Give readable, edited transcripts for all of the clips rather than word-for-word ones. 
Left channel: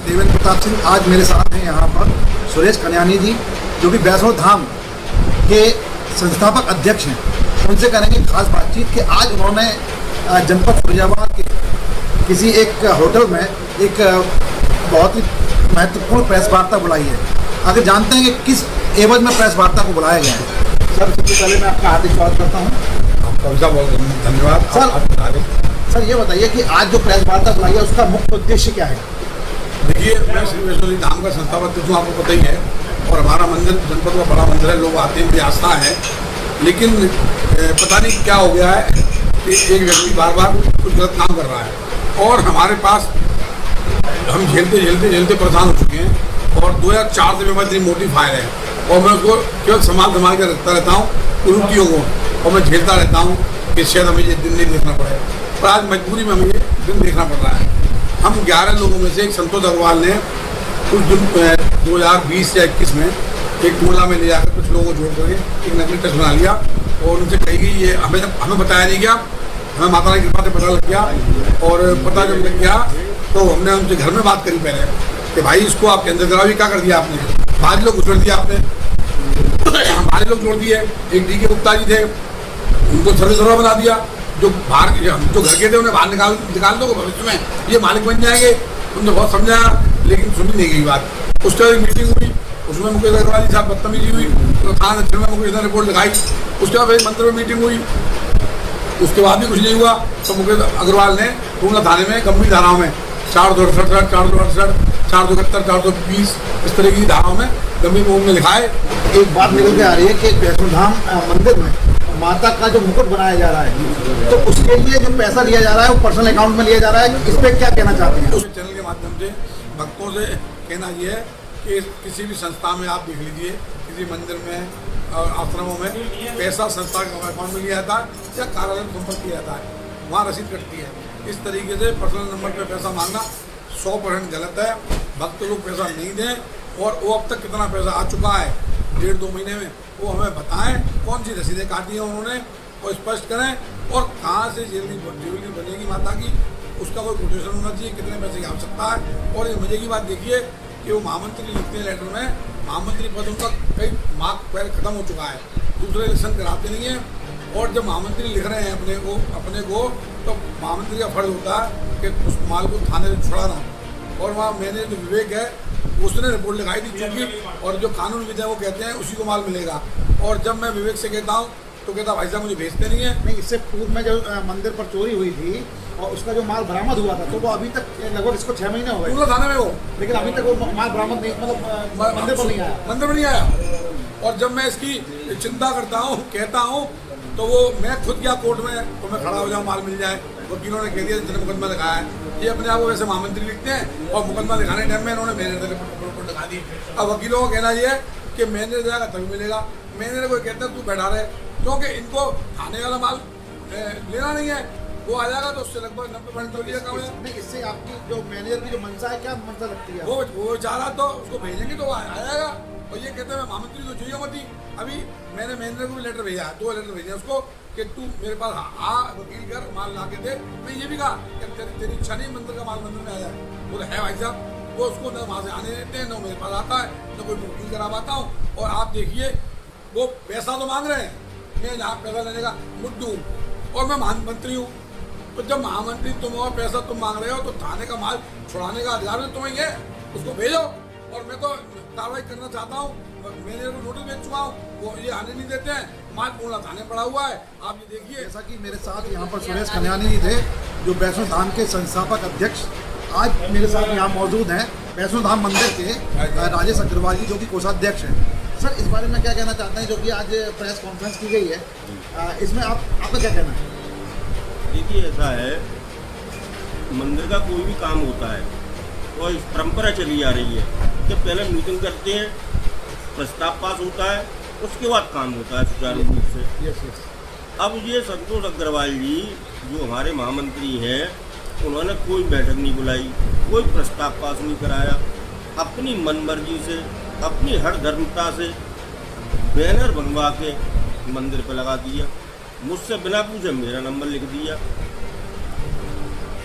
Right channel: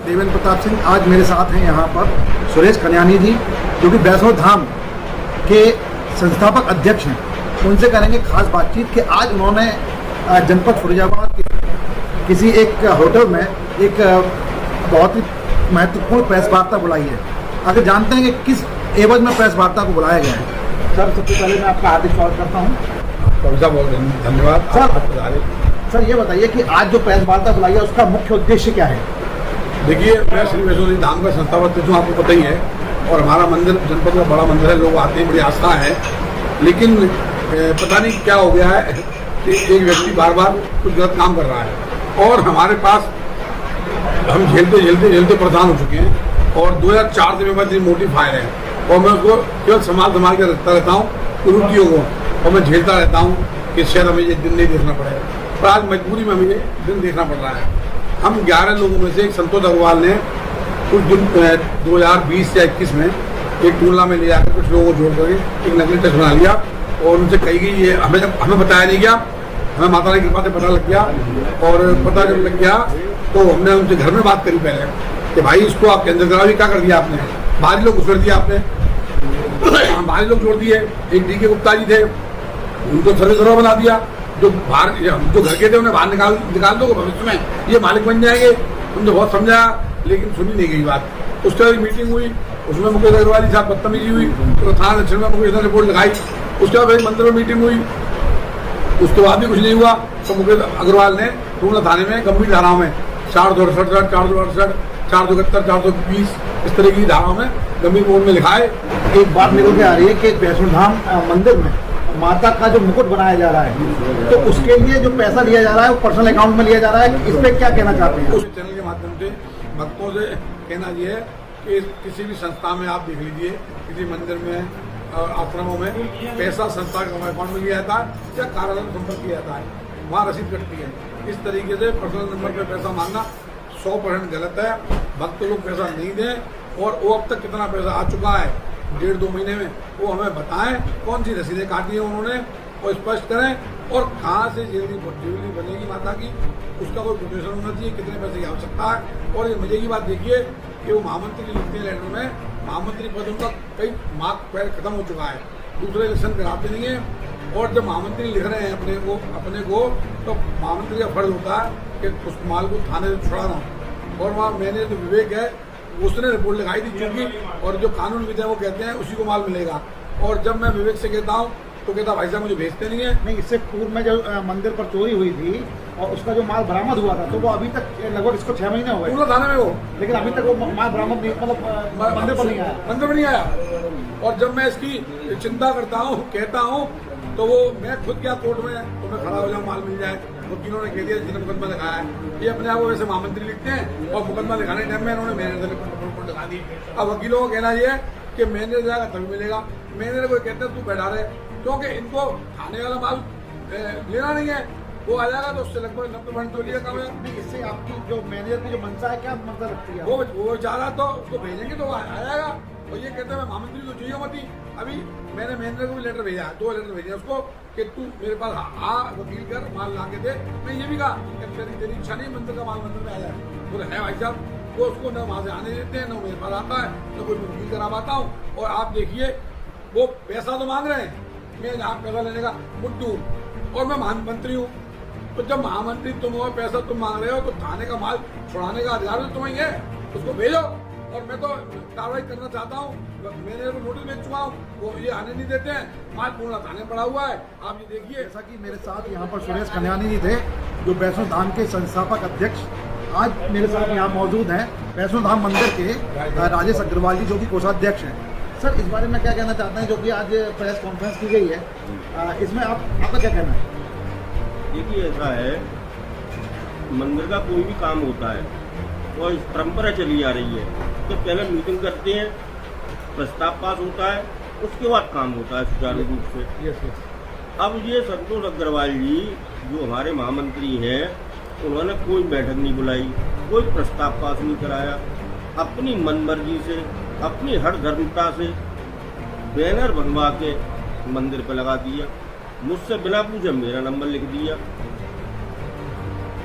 देवेंद्र प्रताप सिंह। आज मेरे साथ हैं यहाँ पर सुरेश कन्यानी जी, जो कि वैष्णो धाम के संस्थापक अध्यक्ष हैं। उनसे करेंगे खास बातचीत कि आज उन्होंने जनपद फिरोजाबाद के किसी एक होटल में एक बहुत ही महत्वपूर्ण प्रेस वार्ता बुलाई है। अगर जानते हैं कि किस एवज में प्रेस वार्ता को बुलाया गया है। सर, सबसे पहले मैं आपका हार्दिक स्वागत करता हूँ। आपका बहुत धन्यवाद सर, ये बताइए कि आज जो प्रेस वार्ता बुलाई है उसका मुख्य उद्देश्य क्या है? देखिए, मैं श्री वैष्णो धाम का संस्थापक जो आपको पता ही है, और हमारा मंदिर जनपद का बड़ा मंदिर है, लोग आते हैं, बड़ी आस्था है। लेकिन पता नहीं क्या हो गया है कि एक व्यक्ति बार बार कुछ गलत काम कर रहा है, और हमारे पास हम झेलते परेशान हो चुके हैं। और 2004 से मेरे पास इतनी मोटी फाइल है, और मैं उसको केवल संभाल के रखता रहता हूँ कुरूतियों को, और मैं झेलता रहता हूँ कि शायद हमें ये दिन नहीं देखना पड़ेगा, पर आज मजबूरी में हमें ये दिन देखना पड़ रहा है। हम 11 लोगों में से एक संतोष अग्रवाल ने कुछ दिन 2020 या 21 में एक टूला में ले जाकर कुछ लोगों को जोड़ करके एक नकली टेस्ट बना लिया, और उनसे कही गई ये हमें बताया नहीं गया, हमें माता की कृपा से पता लग गया। और पता जब लग गया तो हमने उनके घर में बात करी पहले कि भाई इसको आप केंद्र करावी, क्या कर दिया आपने, बाहरी लोग जोड़ दिया आपने, बाहरी लोग जोड़ दिए। एक डी के गुप्ता जी थे, उनको सर्वे बना दिया, जो बाहर जो घर के थे उन्हें बाहर निकाल दो, भविष्य में ये मालिक बन जाएंगे। उन्होंने बहुत समझाया, लेकिन सुनी नहीं गई बात। उसके बाद मीटिंग हुई, उसमें मुकेश अग्रवाल जी साहब बदतमीजी हुई, तो थाना दक्षिण में मुकेश ने रिपोर्ट लिखाई। उसके बाद एक मंदिर में मीटिंग हुई, उसके बाद भी कुछ नहीं हुआ, तो मुकेश अग्रवाल ने टूला थाने में गंभीर धाराओं में 468, 468, 471, 420 इस तरह की धाराओं में गंभीर मोड में लिखा है। एक बात निकल के आ रही है कि वैष्णो धाम मंदिर में माता का जो मुकुट बनाया जा रहा है, तो उसके लिए जो पैसा लिया जा रहा है वो पर्सनल अकाउंट में लिया जा रहा है। इस पर क्या कहना चाहते हैं? उस चैनल के माध्यम से भक्तों से कहना ये है कि किसी भी संस्था में आप देख लीजिए, किसी मंदिर में और आश्रमों में पैसा संस्था के अकाउंट में लिया जाता है या कार्यालय में संपर्क किया जाता है, वहाँ रसीद कटती है। इस तरीके से पर्सनल नंबर पर पैसा मांगना 100% गलत है। भक्त लोग पैसा नहीं दें, और वो अब तक कितना पैसा आ चुका है 1.5-2 महीने में, वो हमें बताएं, कौन सी रसीदें काटी हैं उन्होंने, और स्पष्ट करें, और कहाँ से ज्वेलरी बनेगी माता की, उसका कोई कोटेशन होना चाहिए, कितने पैसे की आवश्यकता है। और ये मजे की बात देखिए कि वो महामंत्री लिखते हैं लेटर में, महामंत्री पद उनका कई मार्क पहले खत्म हो चुका है, दूसरे इलेक्शन कराते नहीं है। और जब महामंत्री लिख रहे हैं अपने को तो महामंत्री का फर्ज होता है कि उस माल को थाने से छुड़ाना, और वहाँ मैंने जो विवेक है उसने रिपोर्ट लिखाई थी, क्योंकि और जो कानूनविद है वो कहते हैं उसी को माल मिलेगा। और जब मैं विवेक से कहता हूँ तो कहता भाई साहब मुझे भेजते नहीं है। नहीं, इससे पूर्व में जो मंदिर पर चोरी हुई थी और उसका जो माल बरामद हुआ था, तो वो अभी तक लगभग इसको 6 महीने हो गए थाने में वो, लेकिन अभी तक वो माल बरामद नहीं, मतलब मंदिर पर नहीं आया। और जब मैं इसकी चिंता करता हूँ, कहता हूँ, तो वो मैं खुद क्या कोर्ट में तो मैं खड़ा हो जाऊँ, माल मिल जाए। वकीलों ने कह दिया जिन्होंने मुकदमा लिखाया है, ये अपने आप को वैसे महामंत्री लिखते हैं, और मुकदमा लिखाने टाइम में इन्होंने मैनेजर रिपोर्ट लिखा दी। अब वकीलों का कहना ये है कि मैनेजर जाएगा तभी मिलेगा। मैनेजर को कहते हैं तू बैठा रहे, क्योंकि इनको थाने वाला माल लेना नहीं है, वो आ जाएगा तो उससे लगभग 90% कम है। नहीं, इससे आपकी जो मैनेजर की जो मंशा है, क्या मंशा लगती है? वो चाह रहा तो उसको भेजेंगे तो आ जाएगा, और ये कहते हैं महामंत्री तो चाहिए मत ही। अभी मैंने मैनेजर को भी लेटर भेजा, 2 लेटर भेजे उसको कि तू मेरे पास वकील कर, माल ला के दे। मैं ये भी कहा कि तेरी इच्छा नहीं मंदिर का माल मंदिर में आया है, बोले है भाई साहब। वो उसको न वहाँ से आने देते हैं, न मेरे पास आता है, न कोई वकील करा पाता हूँ। और आप देखिए वो पैसा तो मांग रहे हैं, मैं जहाँ पैसा लेने का मुद्दू हूँ, और मैं महामंत्री हूँ। तो जब महामंत्री तुम और पैसा तुम मांग रहे हो, तो थाने का माल छुड़ाने का अधिकार भी तुम्हें है, उसको भेजो। और मैं तो कार्रवाई करना चाहता हूँ, मैंने को नोटिस भेज चुका हूँ, वो ये आने नहीं देते हैं, माल पूर्ण थाने पड़ा हुआ है। आप ये देखिए, जैसा कि मेरे साथ यहाँ पर सुरेश कन्यानी जी थे, जो वैष्णो धाम के संस्थापक अध्यक्ष, आज मेरे साथ यहाँ मौजूद हैं वैष्णो धाम मंदिर के राजेश अग्रवाल जी, जो कि कोषाध्यक्ष हैं। सर, इस बारे में क्या कहना चाहते हैं, जो कि आज प्रेस कॉन्फ्रेंस की गई है, इसमें आपका क्या कहना है? देखिए, ऐसा है, मंदिर का कोई भी काम होता है और इस परंपरा चली आ रही है कि पहले मीटिंग करते हैं, प्रस्ताव पास होता है, उसके बाद काम होता है सुचारू रूप से। यस। अब ये संतोष अग्रवाल जी जो हमारे महामंत्री हैं, उन्होंने कोई बैठक नहीं बुलाई, कोई प्रस्ताव पास नहीं कराया, अपनी मनमर्जी से, अपनी हर धर्मता से बैनर बनवा के मंदिर पर लगा दिया, मुझसे बिना पूछे मेरा नंबर लिख दिया,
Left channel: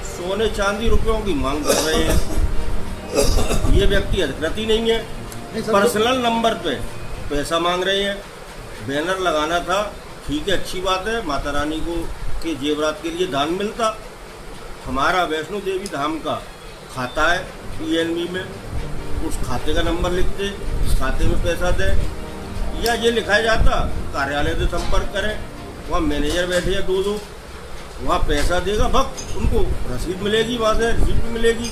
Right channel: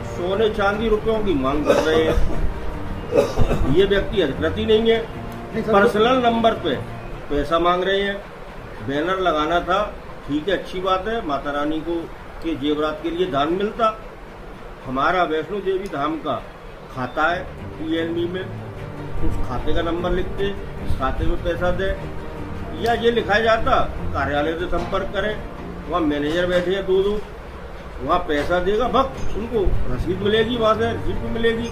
सोने चांदी रुपयों की मांग कर रहे हैं। ये व्यक्ति अधिकृत ही नहीं है। नहीं सर, पर्सनल नंबर पे पैसा मांग रहे हैं। बैनर लगाना था, ठीक है, अच्छी बात है, माता रानी को के जेवरात के लिए दान मिलता। हमारा वैष्णो देवी धाम का खाता है PNB में, उस खाते का नंबर लिखते, इस खाते में पैसा दे, या ये लिखा जाता कार्यालय से संपर्क करें, वहाँ मैनेजर बैठे हैं दो, वहाँ पैसा देगा भक्त, उनको रसीद मिलेगी, वहाँ से रिसीप्ट मिलेगी।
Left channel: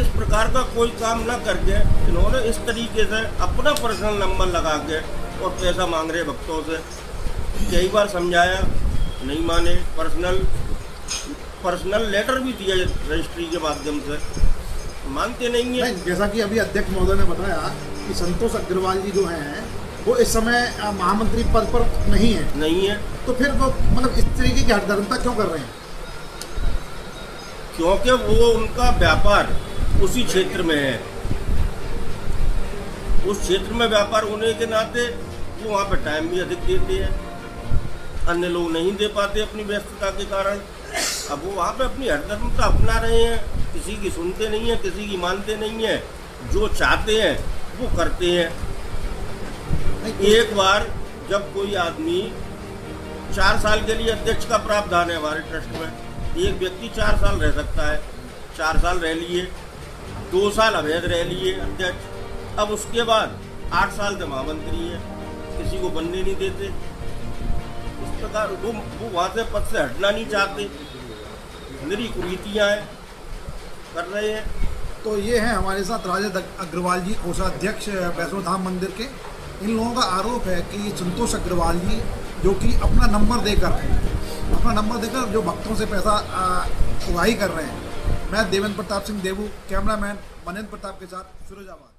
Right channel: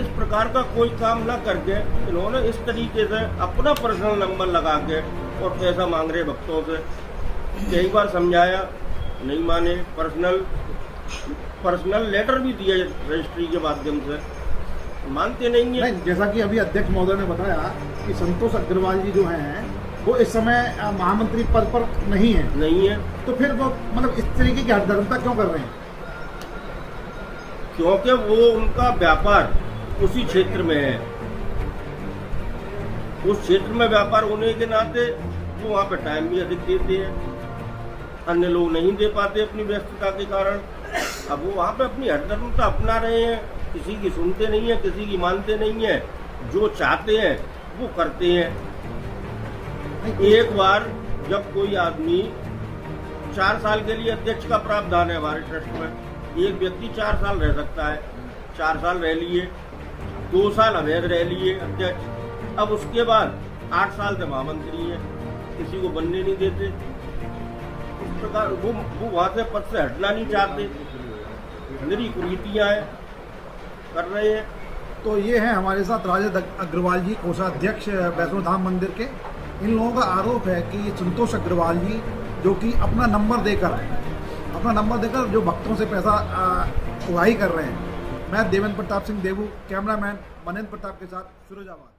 इस प्रकार का कोई काम ना करके इन्होंने इस तरीके से अपना पर्सनल नंबर लगा के और पैसा मांग रहे भक्तों से। कई बार समझाया, नहीं माने। पर्सनल लेटर भी दिया रजिस्ट्री के माध्यम से, मानते नहीं है। नहीं, जैसा कि अभी अध्यक्ष महोदय ने बताया कि संतोष अग्रवाल जी जो हैं वो इस समय महामंत्री पद पर नहीं है, तो फिर वो मतलब इस तरीके की हठधर्मता क्यों कर रहे हैं? क्योंकि वो उनका व्यापार उसी क्षेत्र में है। उस क्षेत्र में व्यापार होने के नाते वो वहाँ पे टाइम भी अधिक देते हैं, अन्य लोग नहीं दे पाते अपनी व्यस्तता के कारण। अब वो वहाँ पे अपनी हठधर्मता अपना रहे हैं, किसी की सुनते नहीं है, किसी की मानते नहीं है, जो चाहते हैं वो करते हैं। एक बार जब कोई आदमी 4 साल के लिए अध्यक्ष का प्रावधान है हमारे ट्रस्ट में, एक व्यक्ति 4 साल रह सकता है, 4 साल रह लिए, 2 साल अवैध रह लिए अध्यक्ष, अब उसके बाद 8 साल से महामंत्री है, किसी को बनने नहीं देते। इस प्रकार वो वहाँ से पद से हटना नहीं चाहते, मेरी कुरीतियाँ हैं, कर रहे हैं। तो ये हैं हमारे साथ राजद अग्रवाल जी, कोषाध्यक्ष वैष्णो धाम मंदिर के। इन लोगों का आरोप है कि संतोष अग्रवाल जी जो कि अपना नंबर देकर जो भक्तों से पैसा उगाही कर रहे हैं। मैं देवेंद्र प्रताप सिंह देवू, कैमरामैन मनेंद्र प्रताप के साथ फिरोजाबाद।